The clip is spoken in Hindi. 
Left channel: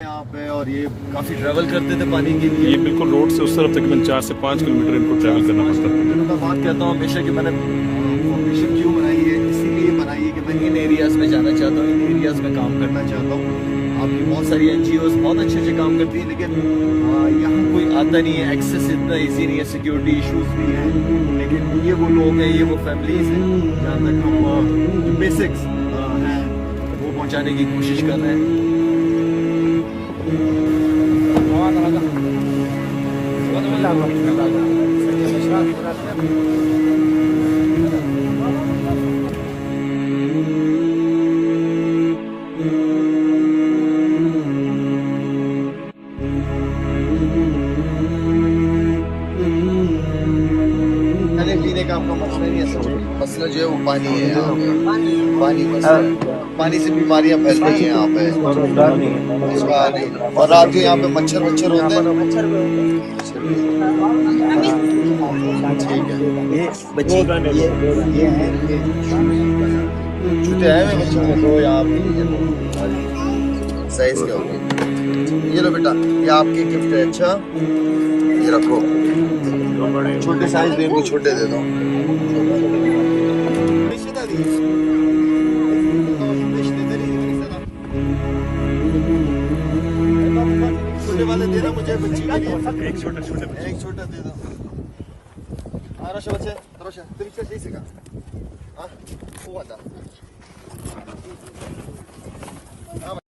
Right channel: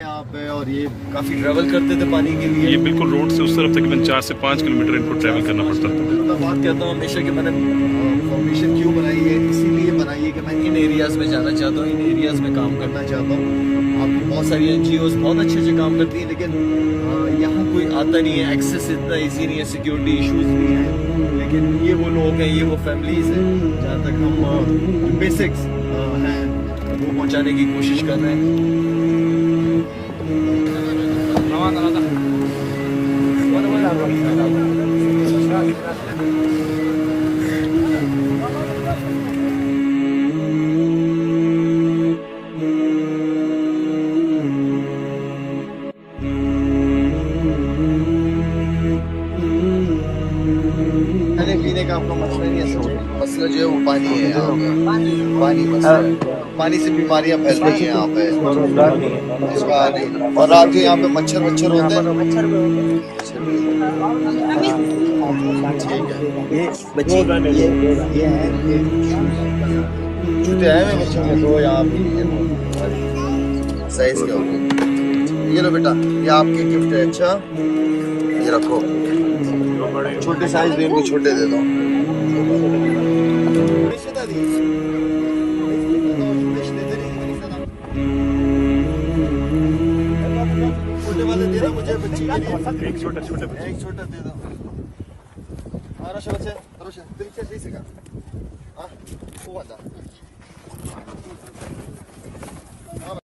यहाँ पे। और ये काफ़ी ट्रैवल करते थे पानी के लिए। ये बिल्कुल रोड से उस तरफ तकरीबन 4 से 5 किलोमीटर इनको ट्रैवल करना पड़ता था। मैं बात कहता हूँ हमेशा कि मैंने फाउंडेशन क्यों बनाई है, इसीलिए बनाई है कि मैं इन एरियाज़ में जाना चाहता हूँ, इन एरियाज़ में काम करना चाहता हूँ। अभी बहुत सारी NGOs बहुत अच्छे अच्छे काम करती हैं, लेकिन यहाँ कोई आता नहीं है, एक्सेस इतना ईजी नहीं है, सिक्योरिटी इश्यूज भी हैं। लेकिन ये वो लोग हैं, ये वो फैमिलीज़ हैं जहाँ तक हम बेसिक्स हैं वो पहुँचाने की कोशिश कर रहे हैं। खाने पीने का आपका मसला नहीं है, मसला जो है वो पानी है यहाँ पे। पानी मसला है, पानी से बीमारियां फैल रही हैं यहाँ पे। और रात को यहाँ पे मच्छर होते हैं। ठीक है, ये बच्चे ये हैं छुट्टे आए हुए बच्चों के, दो यहाँ पे साइज के होंगे। ये लो बेटा, ये आपकी गिफ्ट है। अच्छा ये रखो, छोटे साइज दे, इनको छोटे दे दो। छोटे वाले दे रहा मुझे बच्ची के लिए, एक छोटा दे दो। Хорошо, баче, хорошо. 30 секунд. А? Вот, да.